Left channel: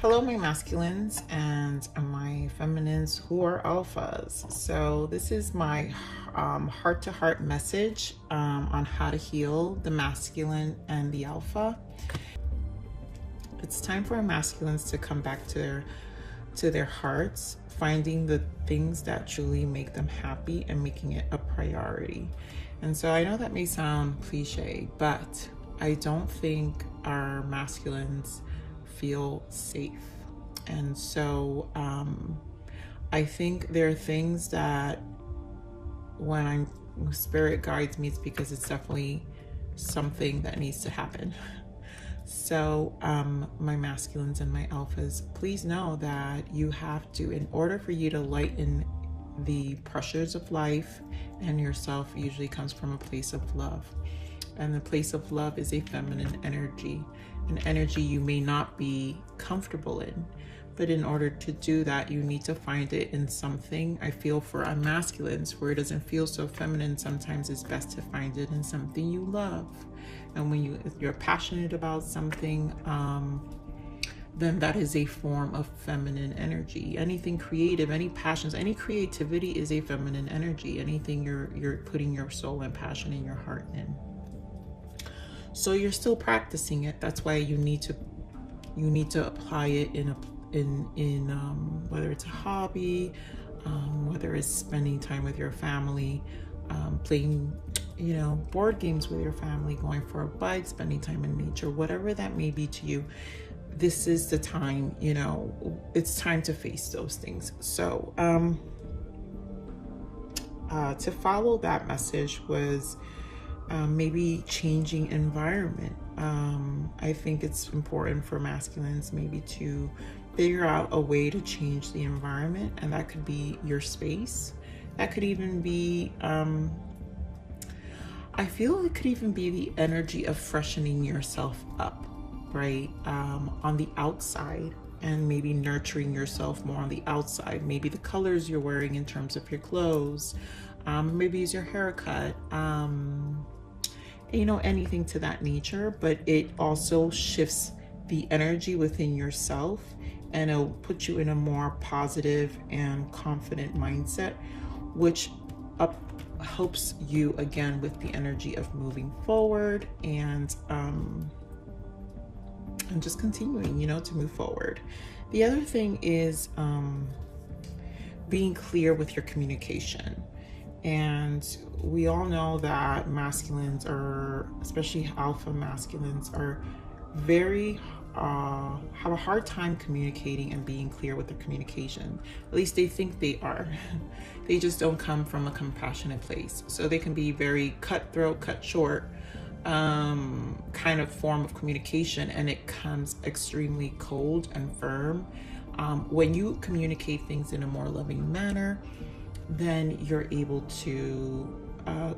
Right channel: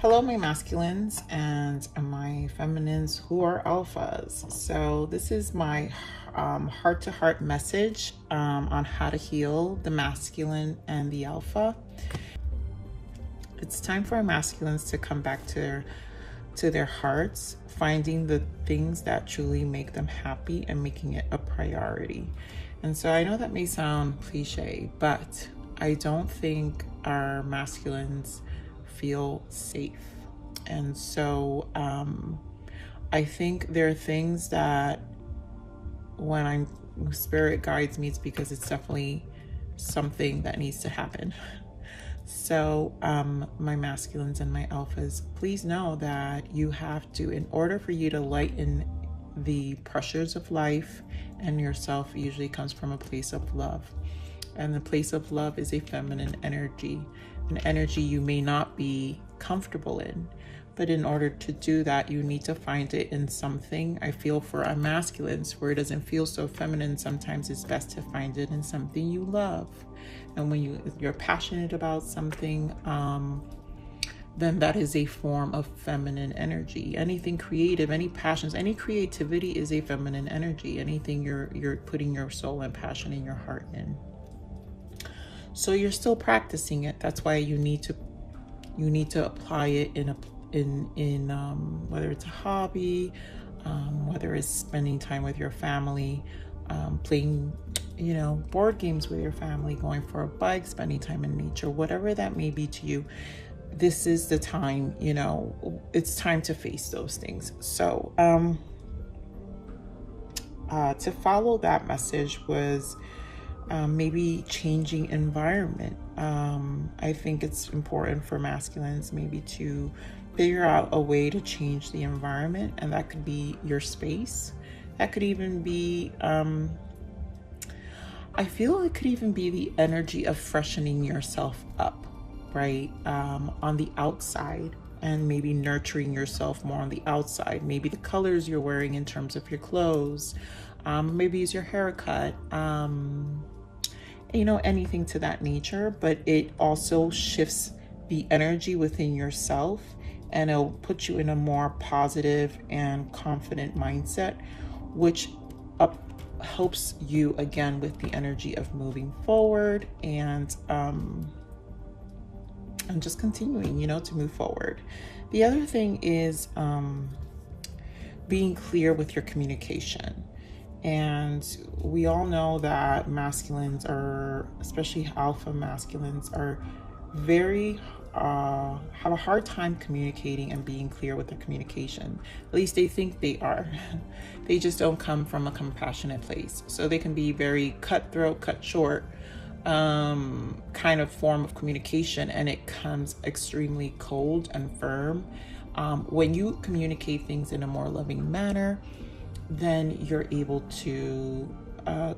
Hello, my masculines and my feminines who are alphas. So this is my heart-to-heart message on how to heal the masculine and the alpha. It's time for our masculines to come back to their hearts, finding the things that truly make them happy and making it a priority. And so I know that may sound cliche, but I don't think our masculines feel safe. And so I think there are things that when spirit guides me, it's because it's definitely something that needs to happen. So my masculines and my alphas, please know that you have to, in order for you to lighten the pressures of life and yourself, usually comes from a place of love. And the place of love is a feminine energy, an energy you may not be comfortable in. But in order to do that, you need to find it in something. I feel for our masculines, where it doesn't feel so feminine, sometimes it's best to find it in something you love. And when you're passionate about something, then that is a form of feminine energy. Anything creative, any passions, any creativity is a feminine energy. Anything you're putting your soul and passion in your heart in. So you're still practicing it. That's why you need to apply it in whether it's a hobby, whether it's spending time with your family, playing board games with your family, going for a bike, spending time in nature, whatever that may be to you. This is the time, it's time to face those things. So to follow that message was maybe changing environment. I think it's important for masculines maybe to figure out a way to change the environment, and that could be your space. That could even be I feel it could even be the energy of freshening yourself up, right? On the outside, and maybe nurturing yourself more on the outside. Maybe the colors you're wearing in terms of your clothes, maybe it's your haircut, anything to that nature. But it also shifts the energy within yourself, and it'll put you in a more positive and confident mindset, which helps you again with the energy of moving forward and just continuing, to move forward. The other thing is being clear with your communication. And we all know that masculines are, especially alpha masculines, are very have a hard time communicating and being clear with their communication. At least they think they are. They just don't come from a compassionate place. So they can be very cutthroat, cut short kind of form of communication, and it comes extremely cold and firm. When you communicate things in a more loving manner, then you're able to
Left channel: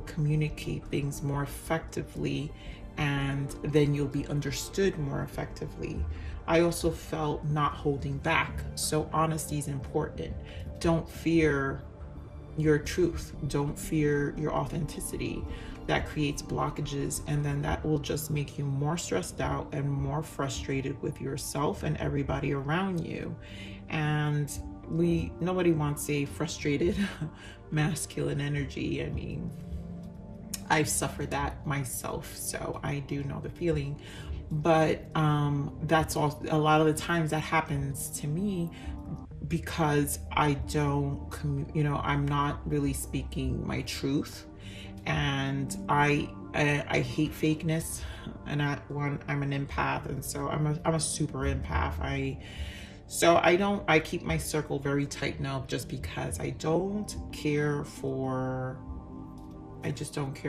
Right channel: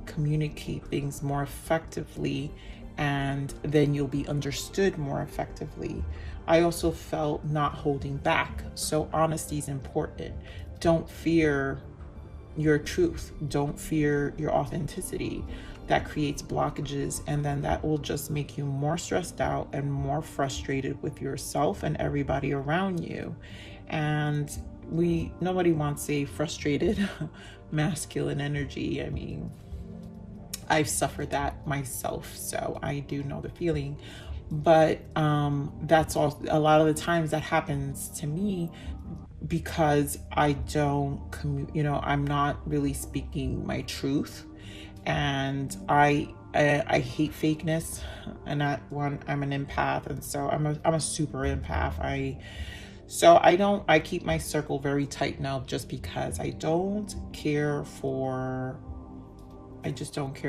communicate things more effectively, and then you'll be understood more effectively. I also felt not holding back. So honesty is important. Don't fear your truth. Don't fear your authenticity. That creates blockages, and then that will just make you more stressed out and more frustrated with yourself and everybody around you. And nobody wants a frustrated masculine energy. I mean, I've suffered that myself, so I do know the feeling. But that's all. A lot of the times that happens to me because I don't, I'm not really speaking my truth, and I hate fakeness, and I'm an empath, and so I'm a super empath. I keep my circle very tight now, just because I just don't care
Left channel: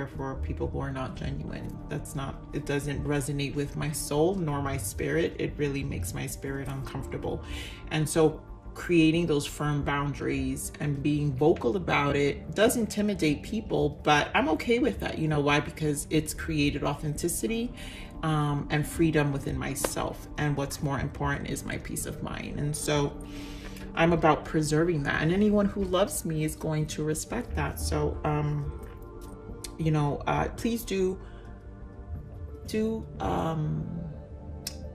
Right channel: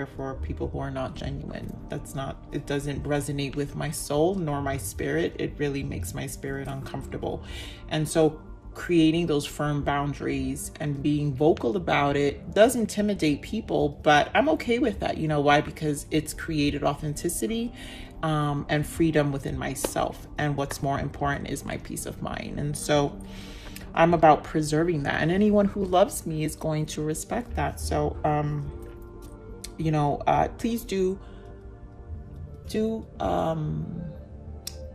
for people who are not genuine. It doesn't resonate with my soul nor my spirit. It really makes my spirit uncomfortable. And so creating those firm boundaries and being vocal about it does intimidate people, but I'm okay with that. You know why? Because it's created authenticity and freedom within myself. And what's more important is my peace of mind. And so I'm about preserving that. And anyone who loves me is going to respect that. So, please do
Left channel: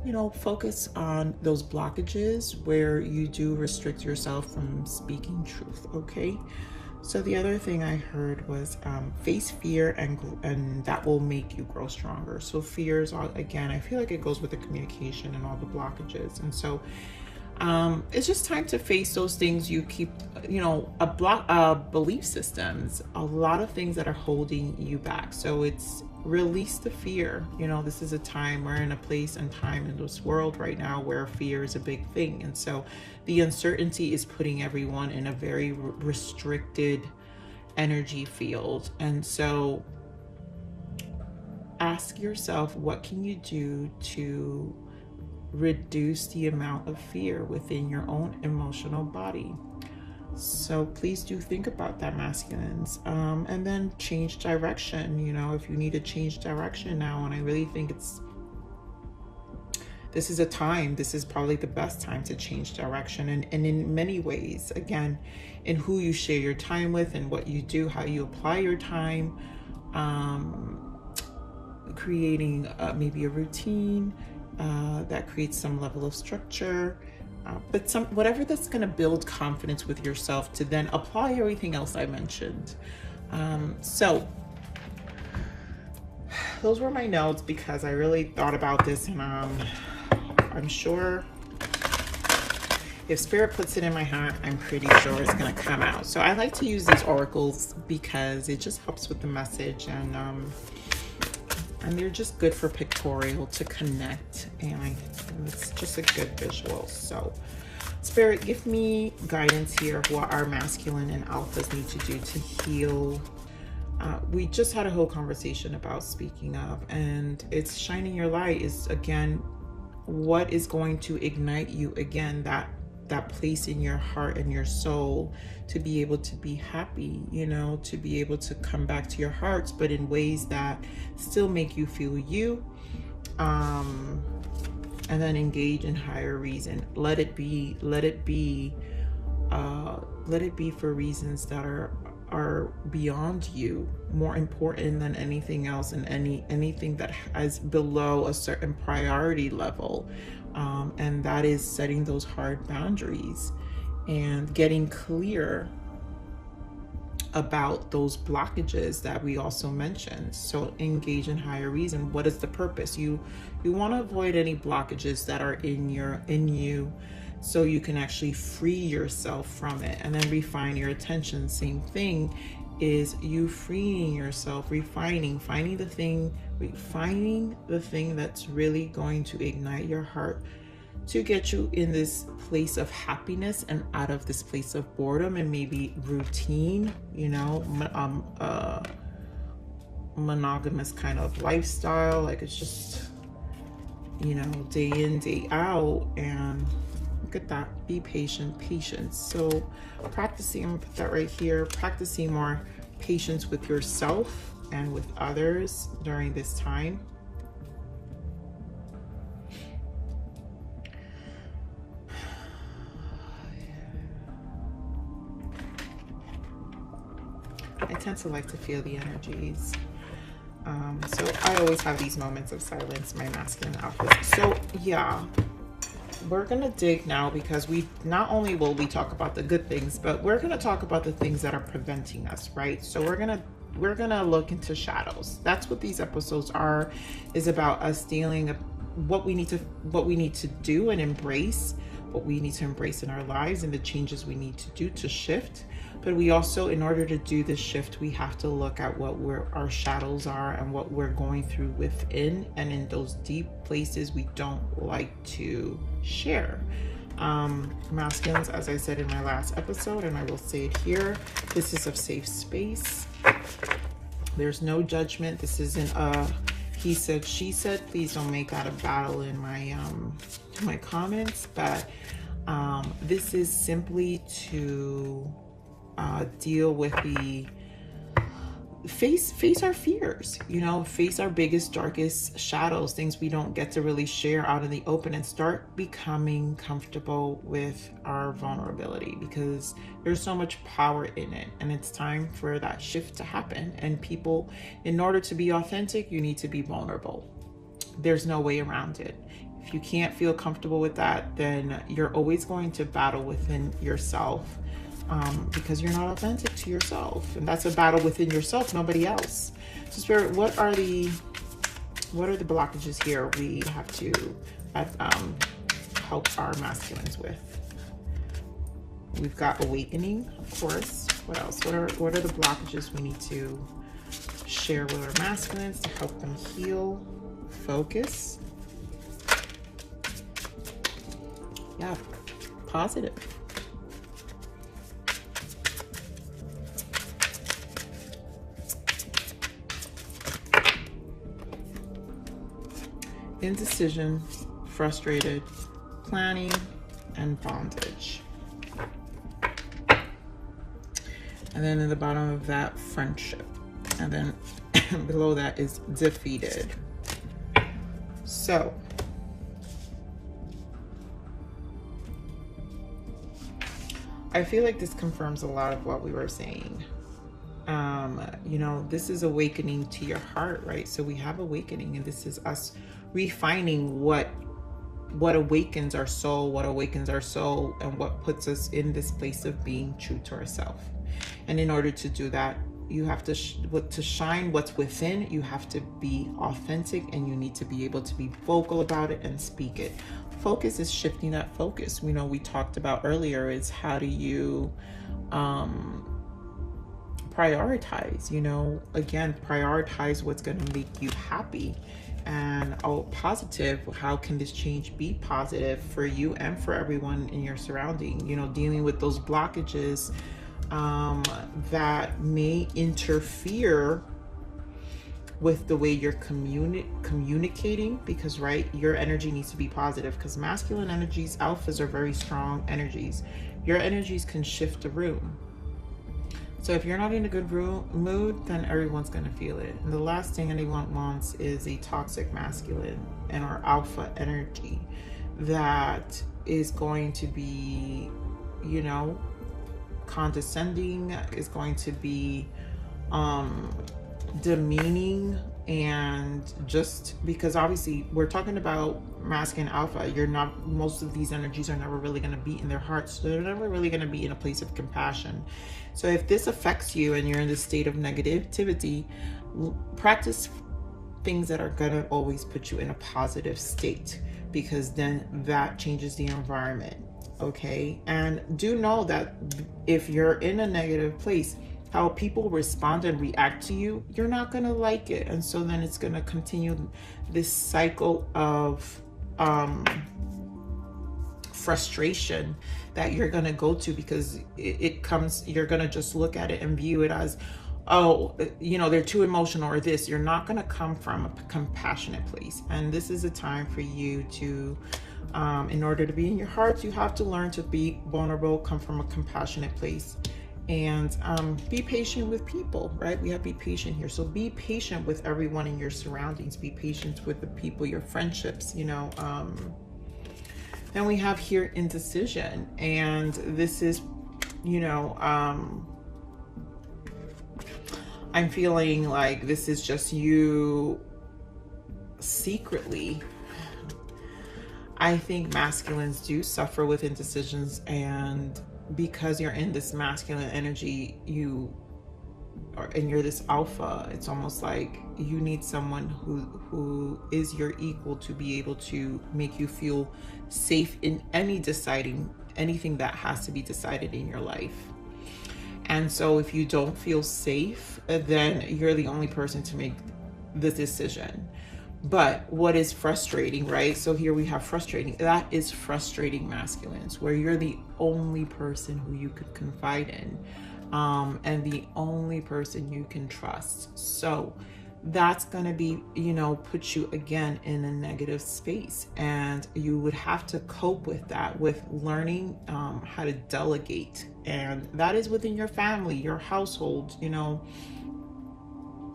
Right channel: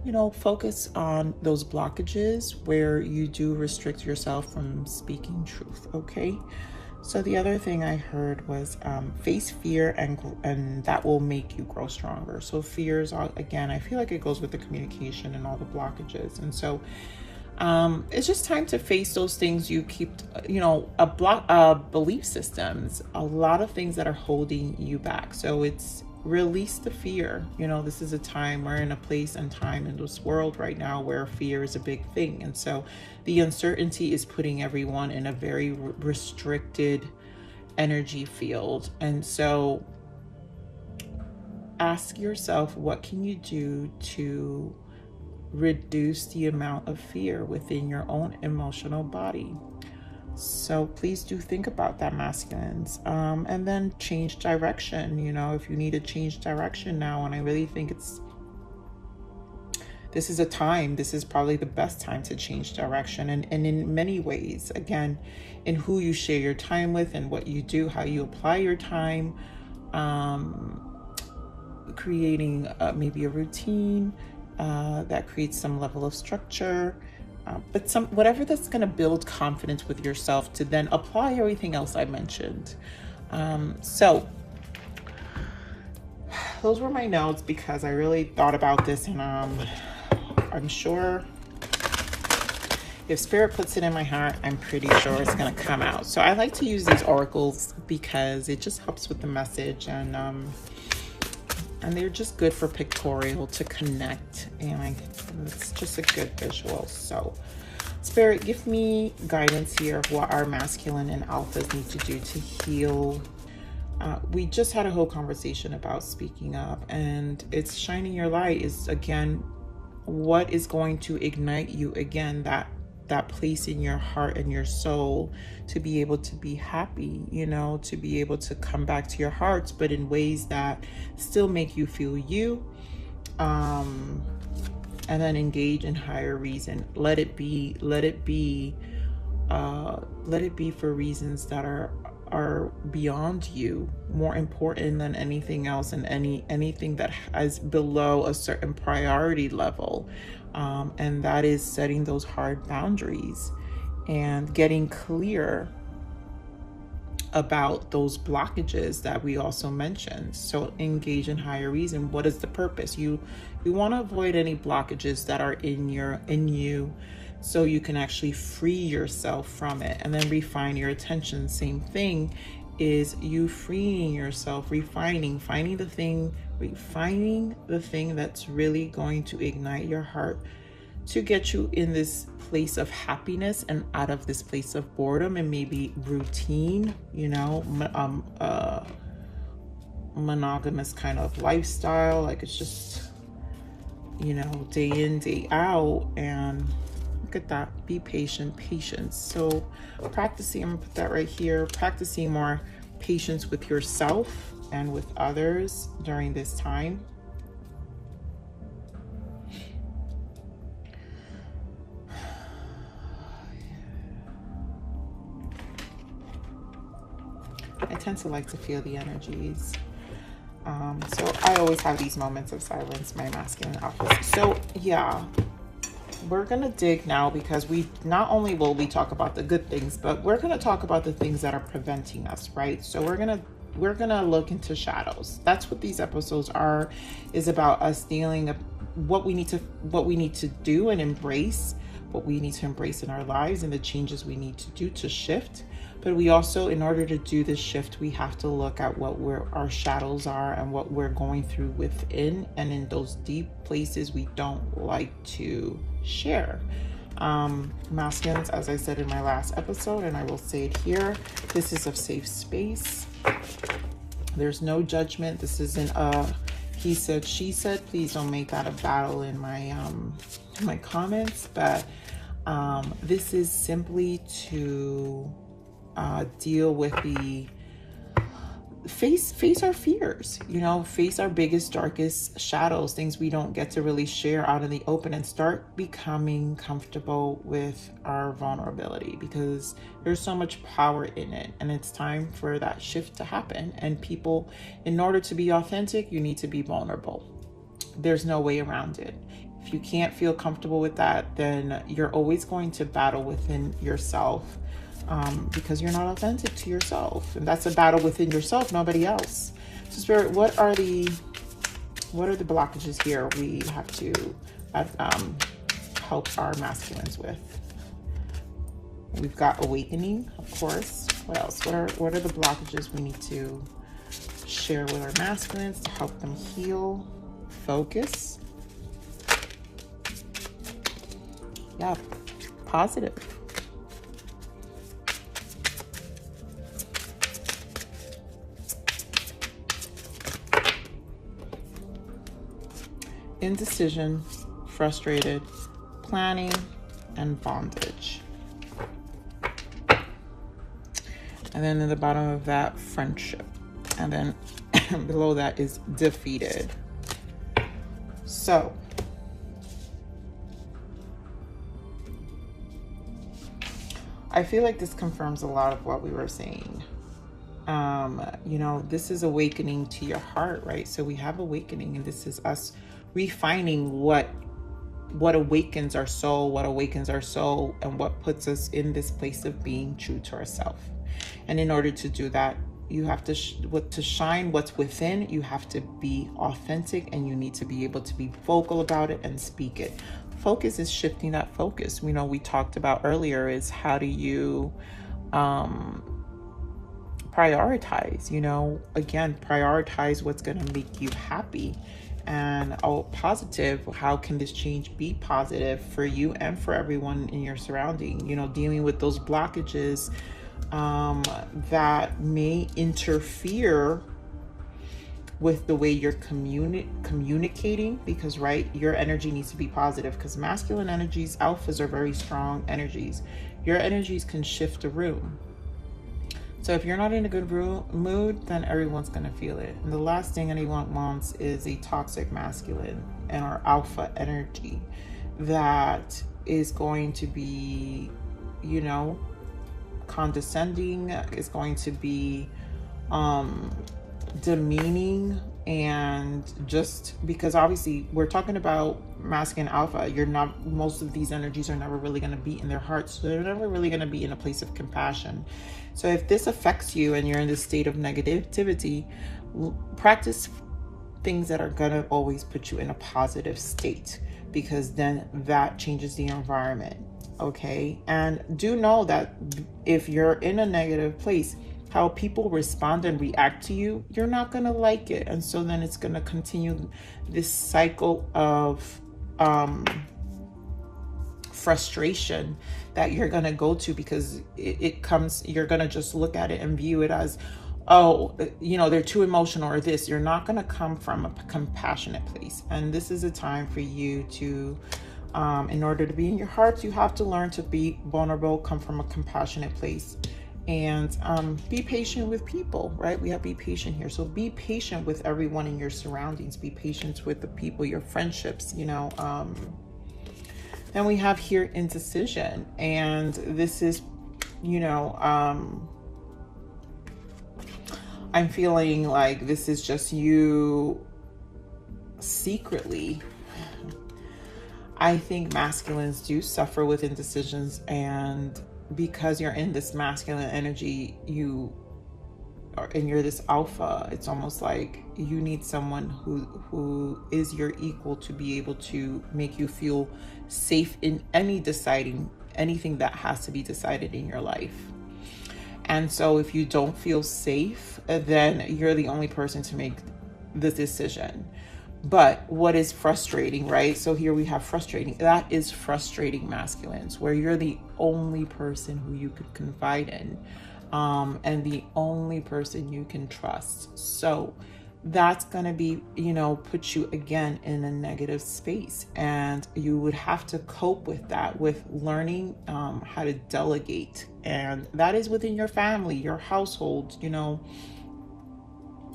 you know, focus on those blockages where you do restrict yourself from speaking truth, okay? So the other thing I heard was face fear, and that will make you grow stronger. So fears are, again, I feel like it goes with the communication and all the blockages. And so it's just time to face those things you keep, you know, belief systems, a lot of things that are holding you back. So it's release the fear. You know, this is a time, we're in a place and time in this world right now where fear is a big thing. And so the uncertainty is putting everyone in a very restricted energy field. And so ask yourself, what can you do to reduce the amount of fear within your own emotional body? So please do think about that, masculines. And then change direction. You know, if you need to change direction now, and I really think this is a time, this is probably the best time to change direction. And in many ways, again, in who you share your time with and what you do, how you apply your time, creating maybe a routine that creates some level of structure, but whatever that's going to build confidence with yourself to then apply everything else I mentioned. So those were my notes because I really thought about this, and I'm sure if Spirit puts it in my heart, I'm pretty sure it's going to come out. So I like to use these oracles because it just helps with the message, and they're just good for pictorial to connect, and it's just a good visual. So Spirit, give me guidance here of what our masculine and alphas need to do to heal. We just had a whole conversation about speaking up, and it's shining your light is, again, what is going to ignite you again, that place in your heart and your soul to be able to be happy, you know, to be able to come back to your hearts, but in ways that still make you feel you, and then engage in higher reason. Let it be for reasons that are beyond you, more important than anything else, and anything that is below a certain priority level. And that is setting those hard boundaries and getting clear about those blockages that we also mentioned. So engage in higher reason. What is the purpose? You want to avoid any blockages that are in you, so you can actually free yourself from it, and then refine your attention. Same thing is you freeing yourself, finding the thing that's really going to ignite your heart to get you in this place of happiness and out of this place of boredom and maybe routine, you know, monogamous kind of lifestyle. Like, it's just, you know, day in, day out. And look at that, be patient, patience. So practicing, I'm gonna put that right here, practicing more patience with yourself and with others during this time. I tend to like to feel the energies. So I always have these moments of silence, my masculine alphas. So yeah, we're gonna dig now, because not only will we talk about the good things, but we're gonna talk about the things that are preventing us, right? So we're gonna look into shadows. That's what these episodes is about, us dealing with what we need to do and embrace, what we need to embrace in our lives, and the changes we need to do to shift. But we also, in order to do this shift, we have to look at what our shadows are and what we're going through within, and in those deep places we don't like to share. Masculines, as I said in my last episode, and I will say it here, this is a safe space. There's no judgment. This isn't a he said, she said. Please don't make that a battle in my comments, but this is simply to deal with the face our fears, you know, face our biggest, darkest shadows, things we don't get to really share out in the open, and start becoming comfortable with our vulnerability, because there's so much power in it, and it's time for that shift to happen. And people, in order to be authentic, you need to be vulnerable. There's no way around it. If you can't feel comfortable with that, then you're always going to battle within yourself, because you're not authentic to yourself. And that's a battle within yourself, nobody else. So Spirit, what are the blockages here we have to help our masculines with? We've got awakening, of course. What else? What are the blockages we need to share with our masculines to help them heal? Focus. Yeah, positive. Indecision, frustrated, planning, and bondage. And then in the bottom of that, friendship. And then below that is defeated. So, I feel like this confirms a lot of what we were saying. You know, this is awakening to your heart, right? So we have awakening, and this is us refining what awakens our soul, and what puts us in this place of being true to ourselves. And in order to do that, you have to shine what's within. You have to be authentic, and you need to be able to be vocal about it and speak it. Focus is shifting that focus. You know, we talked about earlier is how do you prioritize, you know, again, prioritize what's going to make you happy. And positive, how can this change be positive for you and for everyone in your surrounding? You know, dealing with those blockages that may interfere with the way you're communicating, because right, your energy needs to be positive, because masculine energies, alphas, are very strong energies. Your energies can shift the room. So if you're not in a good mood, then everyone's going to feel it. And the last thing anyone wants is a toxic masculine and or alpha energy that is going to be, you know, condescending, is going to be demeaning, and just because obviously we're talking about masculine alpha, most of these energies are never really going to be in their hearts, so they're never really going to be in a place of compassion. So if this affects you and you're in this state of negativity, practice things that are going to always put you in a positive state, because then that changes the environment. Okay, and do know that if you're in a negative place, how people respond and react to you, you're not going to like it. And so then it's going to continue this cycle of frustration that you're going to go to, because it comes, you're going to just look at it and view it as, oh, you know, they're too emotional or this. You're not going to come from a compassionate place. And this is a time for you to, in order to be in your heart, you have to learn to be vulnerable, come from a compassionate place. And be patient with people, right? We have be patient here. So be patient with everyone in your surroundings. Be patient with the people, your friendships, you know. Then we have here indecision. And this is, you know, I'm feeling like this is just you secretly. I think masculines do suffer with indecisions, and because you're in this masculine energy, and you're this alpha, it's almost like you need someone who is your equal to be able to make you feel safe in anything that has to be decided in your life. And so if you don't feel safe, then you're the only person to make this decision. But what is frustrating, right? So here we have frustrating. That is frustrating masculines, where you're the only person who you could confide in, and the only person you can trust. So that's going to be, you know, put you again in a negative space. And you would have to cope with that with learning how to delegate. And that is within your family, your household, you know,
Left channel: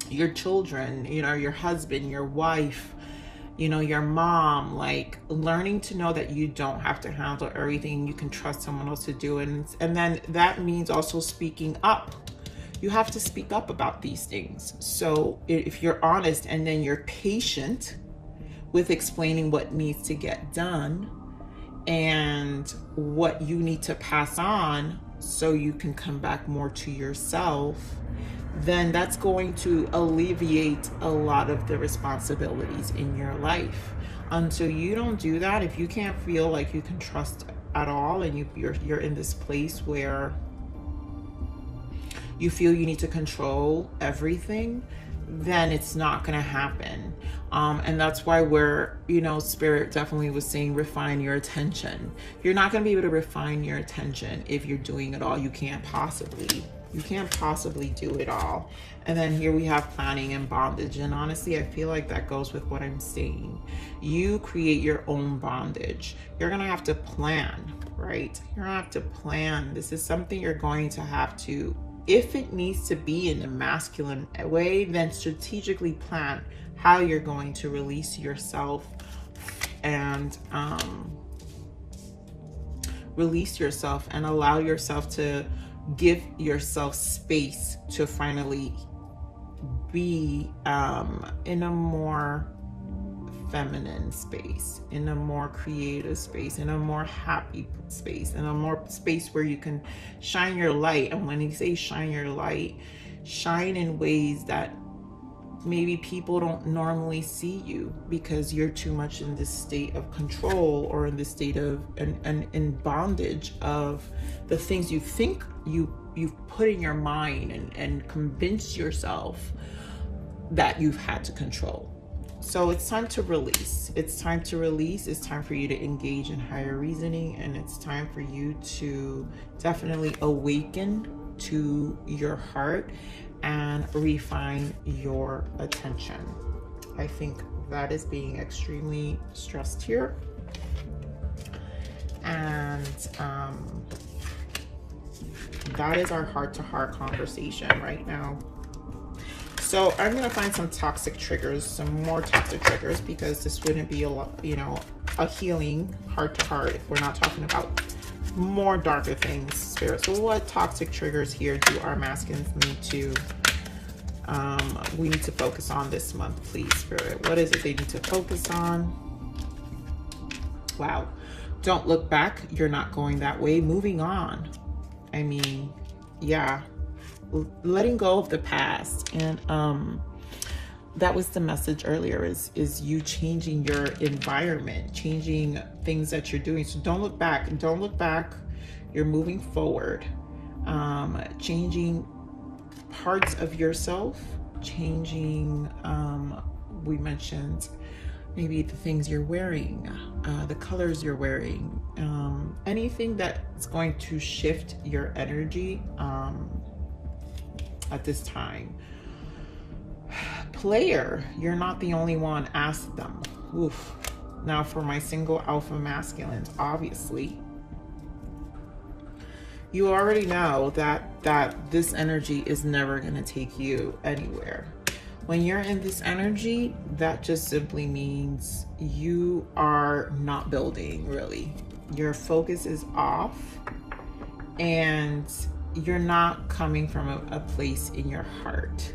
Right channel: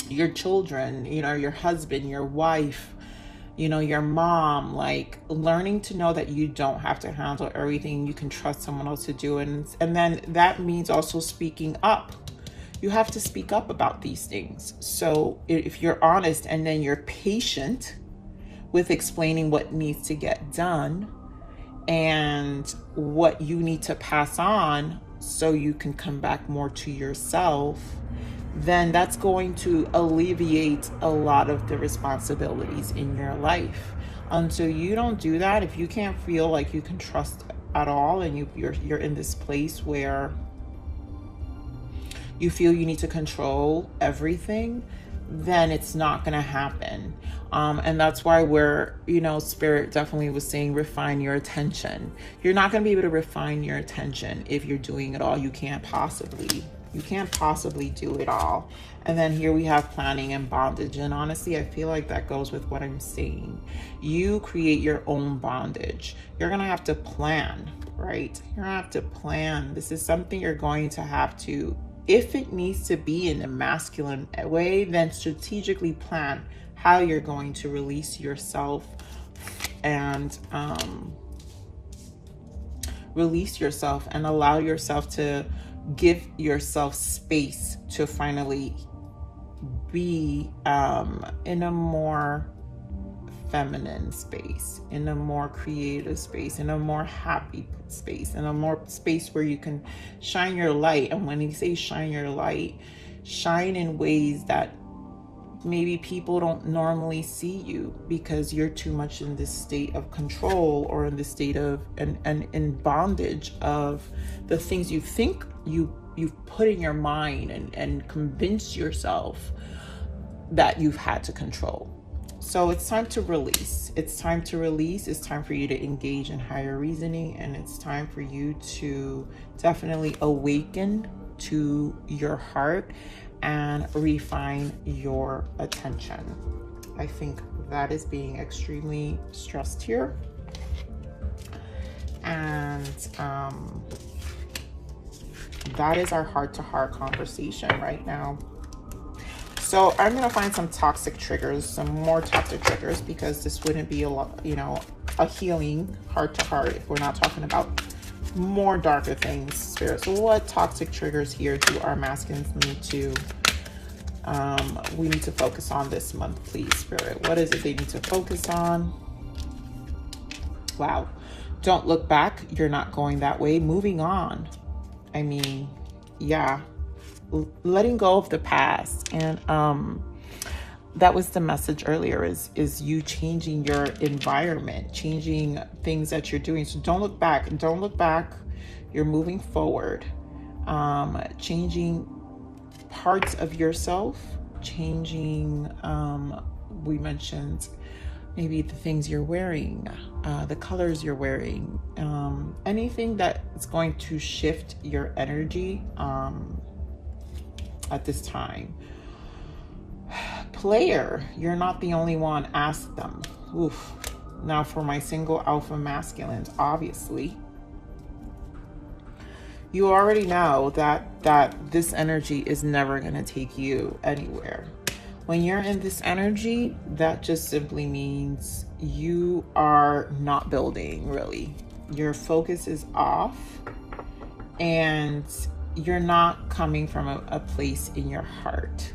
your children, you know, your husband, your wife, you know, your mom, like learning to know that you don't have to handle everything. You can trust someone else to do. And then that means also speaking up. You have to speak up about these things. So if you're honest and then you're patient with explaining what needs to get done and what you need to pass on so you can come back more to yourself, then that's going to alleviate a lot of the responsibilities in your life. Until you don't do that, if you can't feel like you can trust at all, and you're in this place where you feel you need to control everything, then it's not going to happen. And that's why we're, Spirit definitely was saying refine your attention. You're not going to be able to refine your attention if you're doing it all. You can't possibly do it all. And then here we have planning and bondage. And honestly, I feel like that goes with what I'm saying. You create your own bondage. You're going to have to plan, right? You're going to have to plan. This is something you're going to have to, if it needs to be in a masculine way, then strategically plan how you're going to release yourself and allow yourself to give yourself space to finally be in a more feminine space, in a more creative space, in a more happy space, in a more space where you can shine your light. And when you say shine your light, shine in ways that maybe people don't normally see you, because you're too much in this state of control, or in the state of and in bondage of the things you think you've put in your mind and convinced yourself that you've had to control. So it's time to release. It's time to release. It's time for you to engage in higher reasoning, and it's time for you to definitely awaken to your heart and refine your attention. I think that is being extremely stressed here. And that is our heart-to-heart conversation right now. So I'm going to find some toxic triggers, some more toxic triggers, because this wouldn't be a healing heart-to-heart if we're not talking about more darker things, Spirit. So what toxic triggers here do our masculines need to we need to focus on this month, please, Spirit? What is it they need to focus on? Wow. Don't look back. You're not going that way. Moving on. I mean, yeah, letting go of the past. And that was the message earlier, is you changing your environment, changing things that you're doing. So don't look back, and don't look back. You're moving forward, changing parts of yourself, changing, we mentioned maybe the things you're wearing, the colors you're wearing, anything that's going to shift your energy at this time. Player, you're not the only one. Ask them. Oof. Now for my single alpha masculines, obviously, you already know that this energy is never going to take you anywhere. When you're in this energy, that just simply means you are not building, really. Your focus is off, and you're not coming from a place in your heart.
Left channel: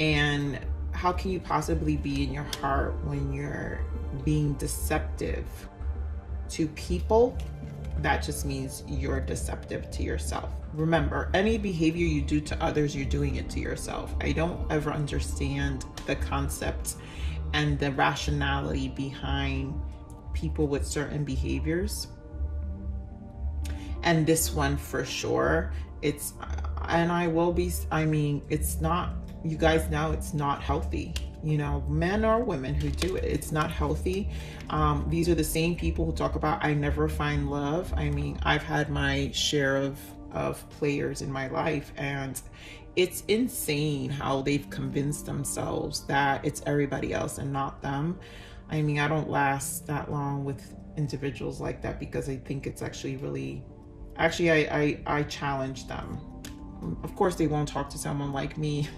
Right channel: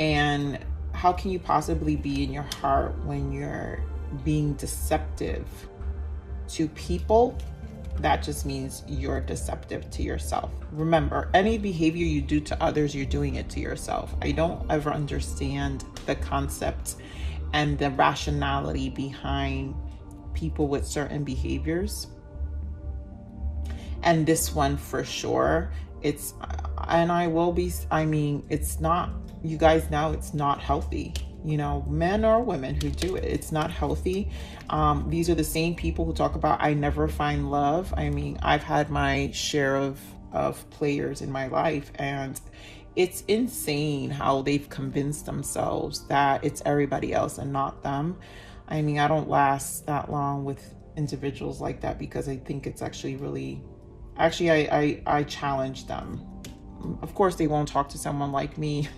And how can you possibly be in your heart when you're being deceptive to people? That just means you're deceptive to yourself. Remember, any behavior you do to others, you're doing it to yourself. I don't ever understand the concept and the rationality behind people with certain behaviors. And this one for sure, it's not, you guys know it's not healthy. Men or women who do it, it's not healthy. These are the same people who talk about, I never find love. I mean, I've had my share of players in my life, and it's insane how they've convinced themselves that it's everybody else and not them. I mean, I don't last that long with individuals like that, because I think it's actually really, I challenge them. Of course, they won't talk to someone like me.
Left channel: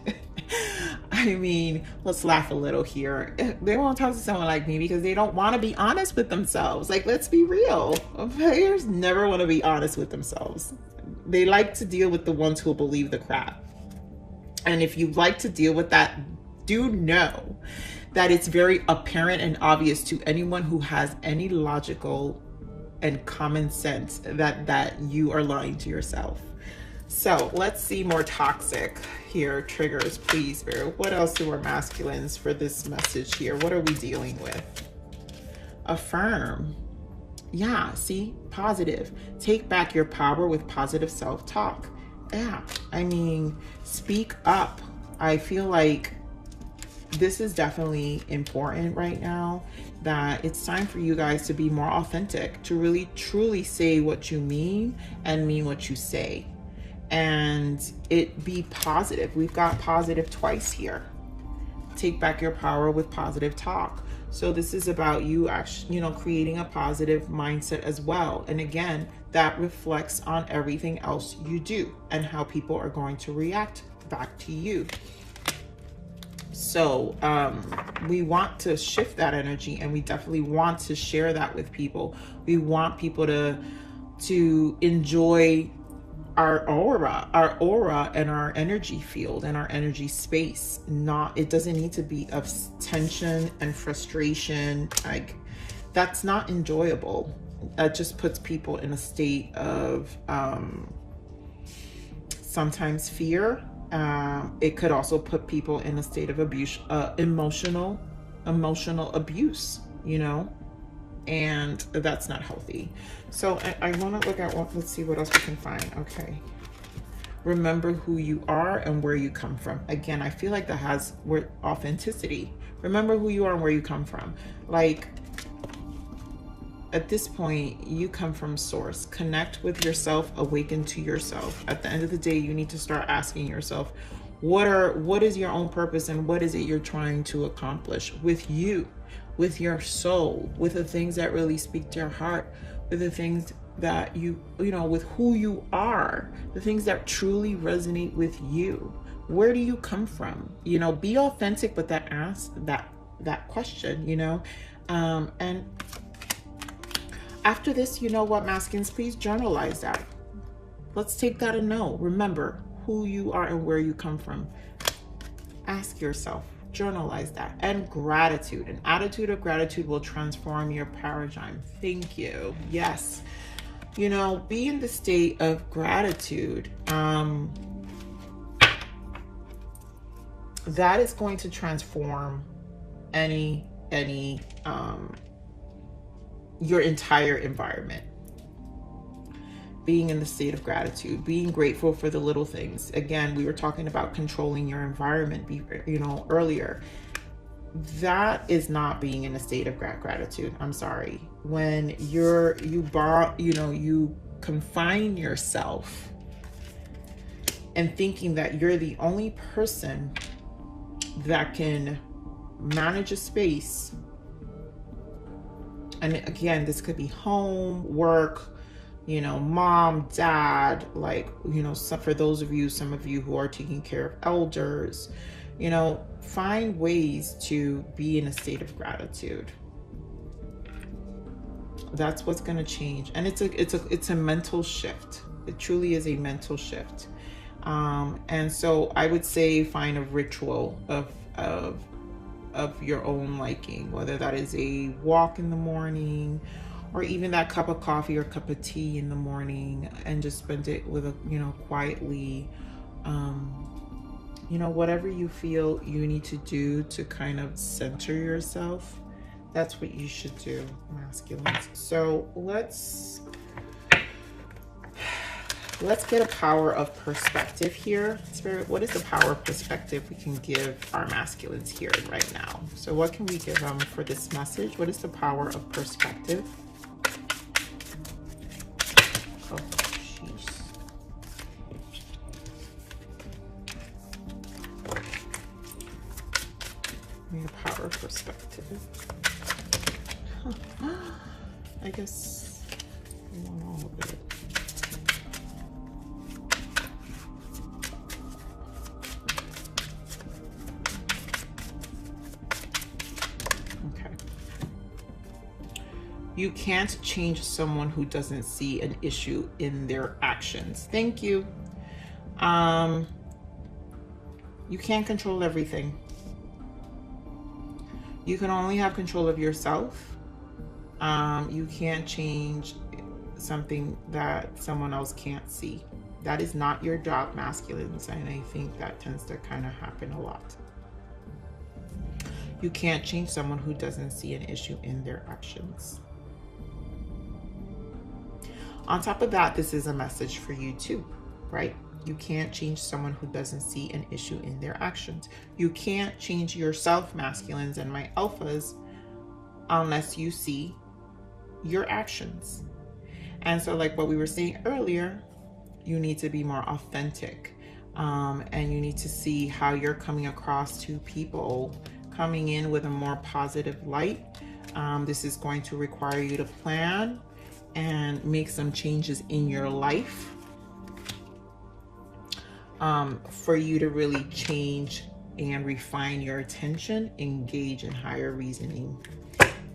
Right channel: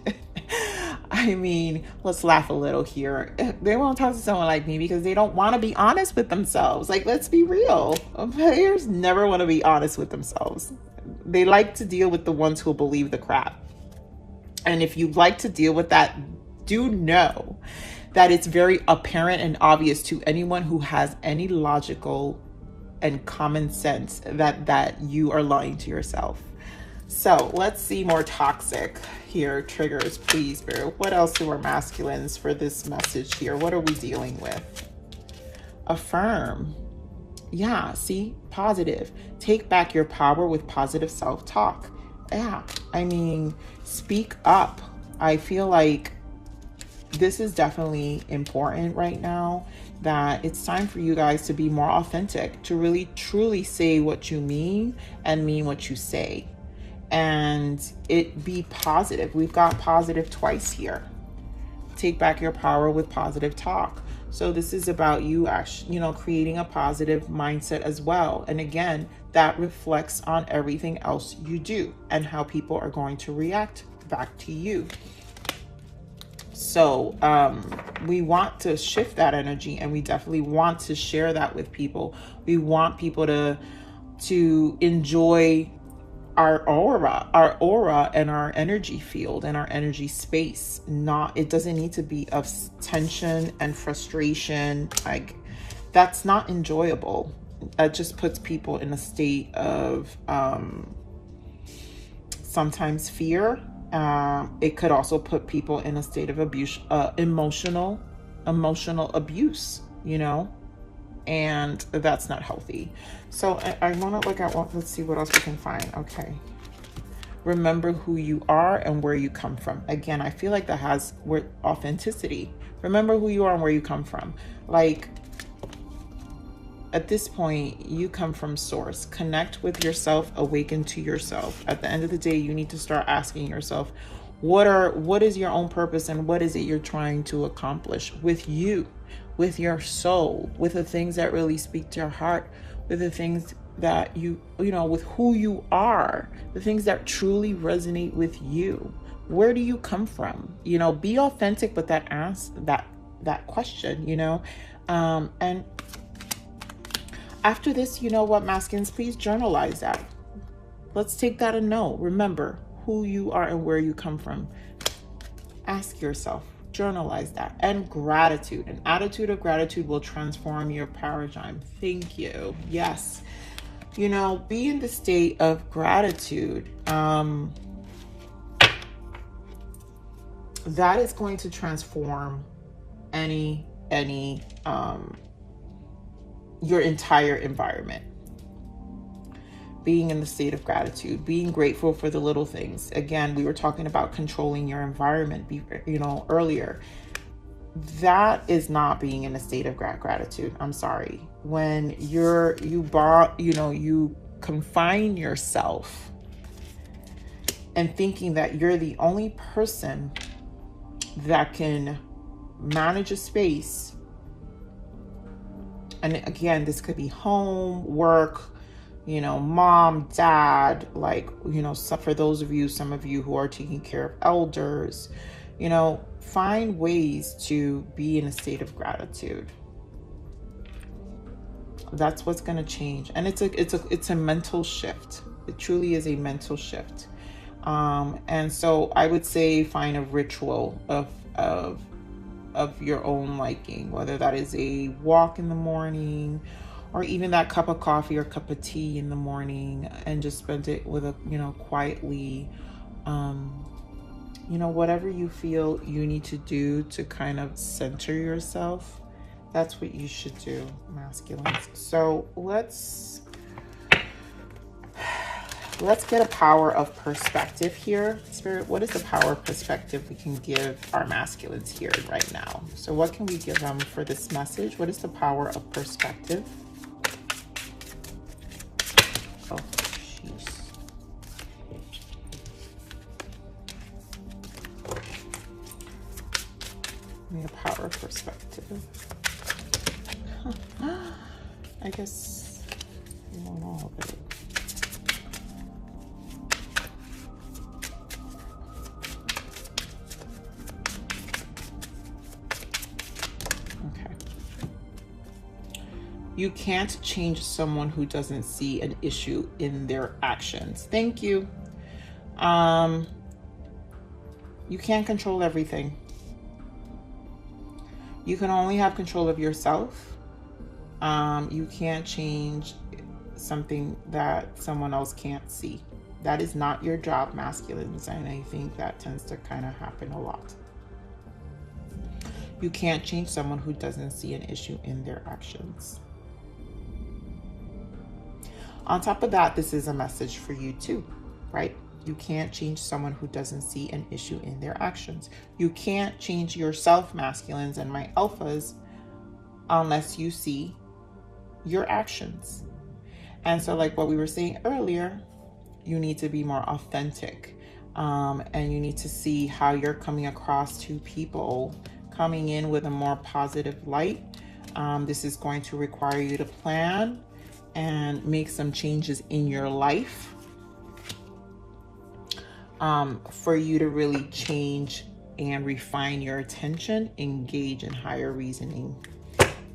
I mean, let's laugh a little here. They won't talk to someone like me because they don't want to be honest with themselves. Like, let's be real. Players never want to be honest with themselves. They like to deal with the ones who believe the crap. And if you'd like to deal with that, do know that it's very apparent and obvious to anyone who has any logical and common sense that you are lying to yourself. So let's see more toxic here triggers, please, Spirit. What else do our masculines for this message here? What are we dealing with? Affirm. Yeah, see, positive. Take back your power with positive self-talk. Yeah, I mean, speak up. I feel like this is definitely important right now, that it's time for you guys to be more authentic, to really truly say what you mean and mean what you say, and it be positive. We've got positive twice here. Take back your power with positive talk. So this is about you actually, you know, creating a positive mindset as well. And again, that reflects on everything else you do and how people are going to react back to you. So we want to shift that energy, and we definitely want to share that with people. We want people to enjoy our aura and our energy field and our energy space. It doesn't need to be of tension and frustration. Like, that's not enjoyable. That just puts people in a state of sometimes fear. It could also put people in a state of abuse, emotional abuse, you know, and that's not healthy. So I want to look at let's see what else we can find. Okay. Remember who you are and where you come from. Again, I feel like that has authenticity. Remember who you are and where you come from. Like, at this point, you come from source. Connect with yourself, awaken to yourself. At the end of the day, you need to start asking yourself, what is your own purpose, and what is it you're trying to accomplish with you, with your soul, with the things that really speak to your heart, with the things that you know, with who you are, the things that truly resonate with you. Where do you come from? You know, be authentic, but that question, you know, and after this, you know what, masculines, please journalize that. Let's take that a note. Remember who you are and where you come from. Ask yourself, journalize that. And gratitude, an attitude of gratitude will transform your paradigm. Thank you. Yes. You know, be in the state of gratitude. That is going to transform your entire environment. Being in the state of gratitude, being grateful for the little things. Again, we were talking about controlling your environment, you know, earlier. That is not being in a state of gratitude. I'm sorry. When you confine yourself and thinking that you're the only person that can manage a space. And again, this could be home, work, you know, mom, dad, like, you know, for those of you, some of you who are taking care of elders, you know, find ways to be in a state of gratitude. That's what's going to change. And it's a mental shift. It truly is a mental shift. And so I would say find a ritual of your own liking, whether that is a walk in the morning, or even that cup of coffee or cup of tea in the morning, and just spend it with quietly, whatever you feel you need to do to kind of center yourself. That's what you should do, masculines. So let's get a power of perspective here. Spirit, what is the power of perspective we can give our masculines here right now? So what can we give them for this message? What is the power of perspective? Oh, jeez. The power of perspective. I guess I don't know, but you can't change someone who doesn't see an issue in their actions. Thank you. You can't control everything. You can only have control of yourself. You can't change something that someone else can't see. That is not your job, masculines, and I think that tends to kind of happen a lot. You can't change someone who doesn't see an issue in their actions. On top of that, this is a message for you too, right? You can't change someone who doesn't see an issue in their actions. You can't change yourself, masculines and my alphas, unless you see your actions. And so like what we were saying earlier, you need to be more authentic, and you need to see how you're coming across to people, coming in with a more positive light. This is going to require you to plan and make some changes in your life for you to really change and refine your attention, engage in higher reasoning,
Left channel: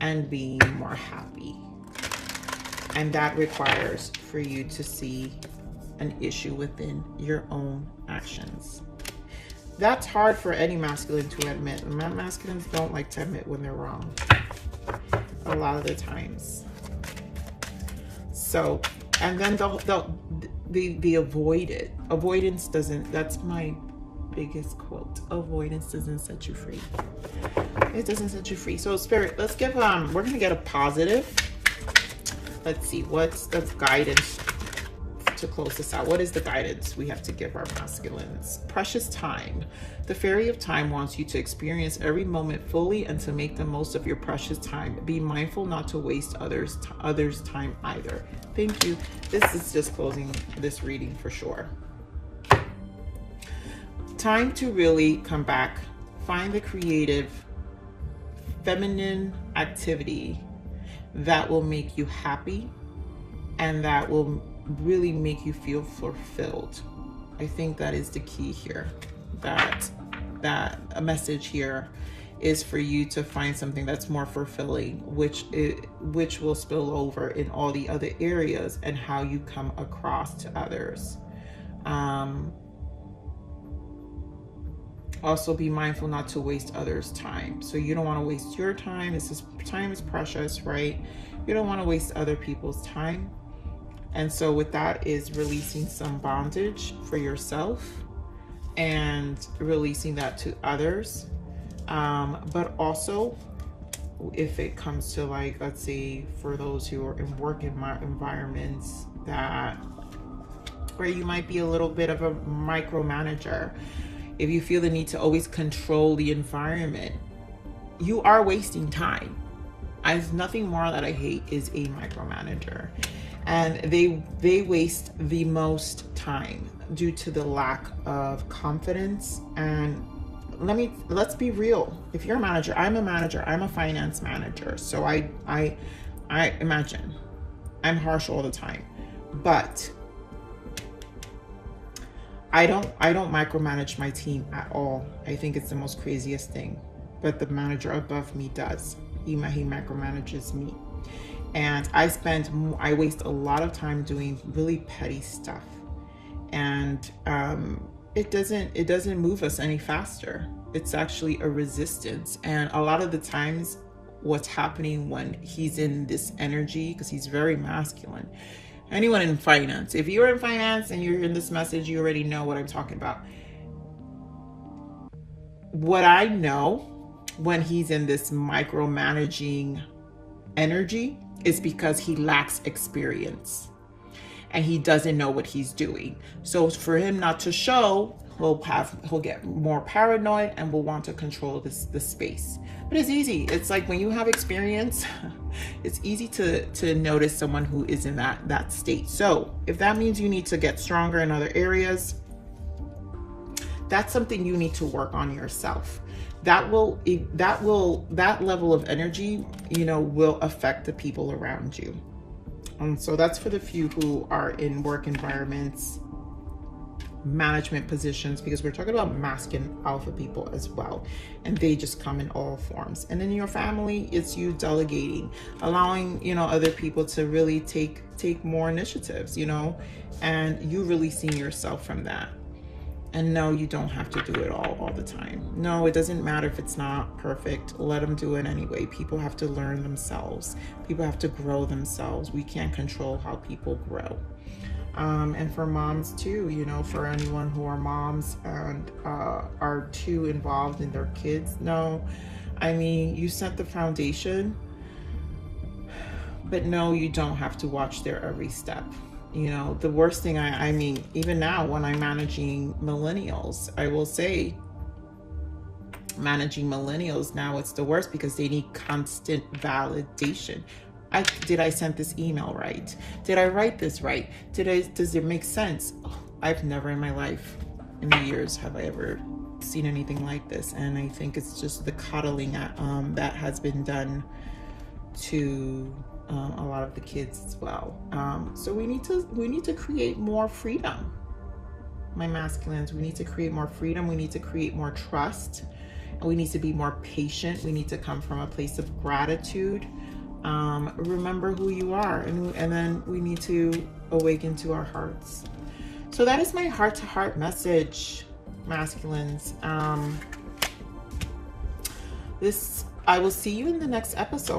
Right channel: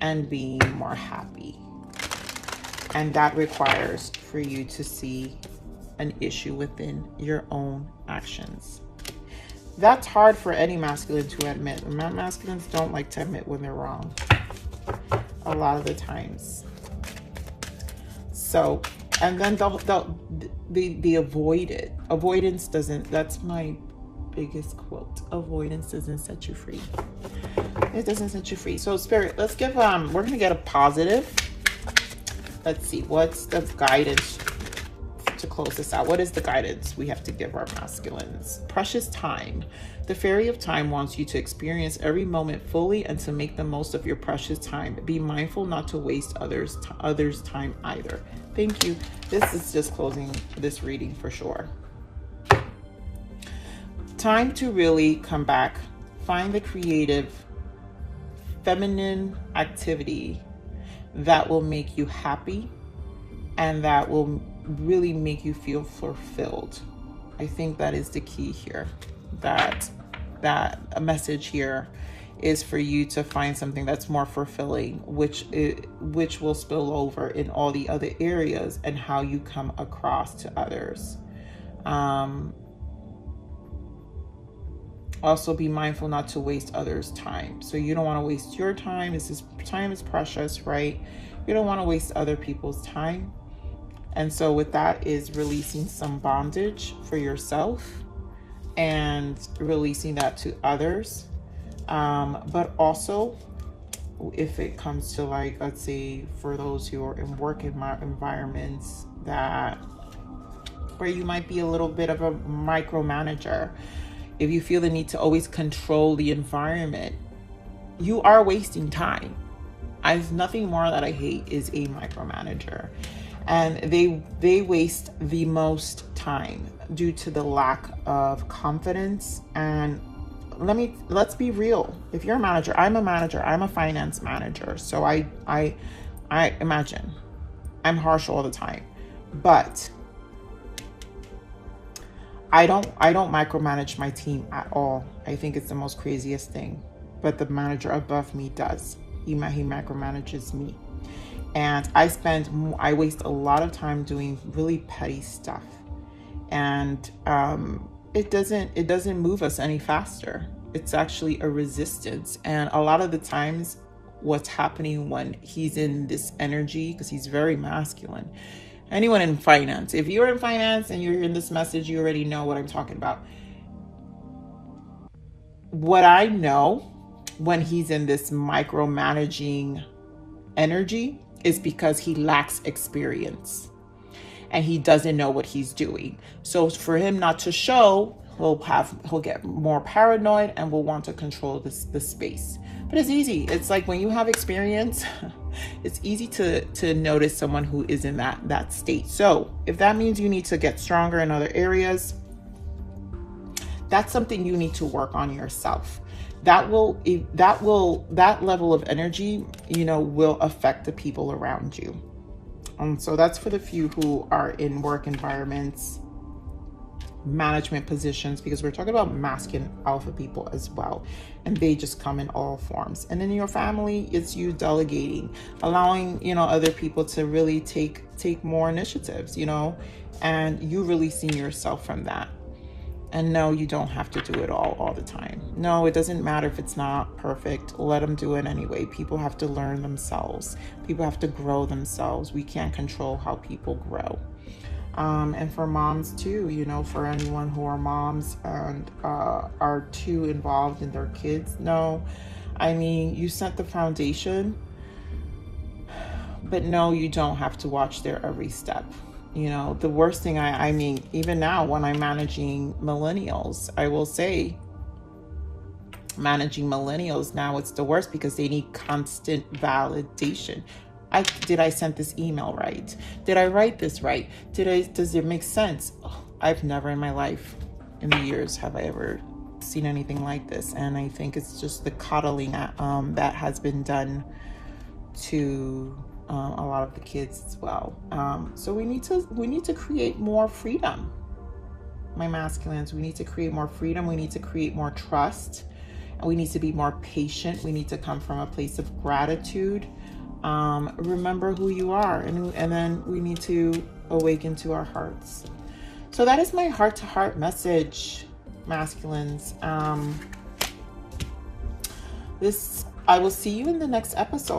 and being more happy. And that requires for you to see an issue within your own actions. That's hard for any masculine to admit. Masculines don't like to admit when they're wrong a lot of the times. So, and then they avoid it. Avoidance doesn't, that's my biggest quote. Avoidance doesn't set you free. It doesn't set you free. So Spirit, let's give, we're gonna get a positive. Let's see, what's the guidance to close this out? What is the guidance we have to give our masculines? Precious time. The fairy of time wants you to experience every moment fully and to make the most of your precious time. Be mindful not to waste others' time either. Thank you. This is just closing this reading for sure. Time to really come back. Find the creative, feminine activity that will make you happy and that will really make you feel fulfilled. I think that is the key here. That a message here is for you to find something that's more fulfilling, which will spill over in all the other areas and how you come across to others. Also be mindful not to waste others' time. So you don't want to waste your time. Time is precious, right? You don't want to waste other people's time. And so with that is releasing some bondage for yourself and releasing that to others. But also if it comes to, like, let's say for those who are in work environments where you might be a little bit of a micromanager, if you feel the need to always control the environment, you are wasting time. Nothing more that I hate is a micromanager. And they waste the most time due to the lack of confidence. And let's be real. If you're a manager, I'm a finance manager. So I imagine I'm harsh all the time, but I don't micromanage my team at all. I think it's the most craziest thing. But the manager above me does. He micromanages me. And I waste a lot of time doing really petty stuff. And it doesn't move us any faster. It's actually a resistance. And a lot of the times what's happening when he's in this energy, because he's very masculine. Anyone in finance, if you're in finance and you're in this message, you already know what I'm talking about. What I know when he's in this micromanaging energy is because he lacks experience and he doesn't know what he's doing. So for him not to show, he'll get more paranoid and will want to control the space. But it's easy. It's like when you have experience, it's easy to notice someone who is in that state. So if that means you need to get stronger in other areas, that's something you need to work on yourself. That level of energy, will affect the people around you. So that's for the few who are in work environments, management positions, because we're talking about masculine alpha people as well, and they just come in all forms. And in your family, it's you delegating, allowing other people to really take more initiatives, and you releasing yourself from that. And no, you don't have to do it all the time. No, it doesn't matter if it's not perfect. Let them do it anyway. People have to learn themselves. People have to grow themselves. We can't control how people grow. And for moms too, you know, for anyone who are moms and are too involved in their kids. No, I mean, you set the foundation, but no, you don't have to watch their every step. You know, the worst thing, I mean, even now when I'm managing millennials, I will say managing millennials now, it's the worst because they need constant validation. Did I send this email right? Did I write this right? Does it make sense? Oh, I've never in my life, in the years, have I ever seen anything like this. And I think it's just the coddling that has been done to a lot of the kids as well. So we need to create more freedom, my masculines. We need to create more freedom. We need to create more trust, and we need to be more patient. We need to come from a place of gratitude. Remember who you are, and then we need to awaken to our hearts. So that is my heart-to-heart message, masculines. I will see you in the next episode.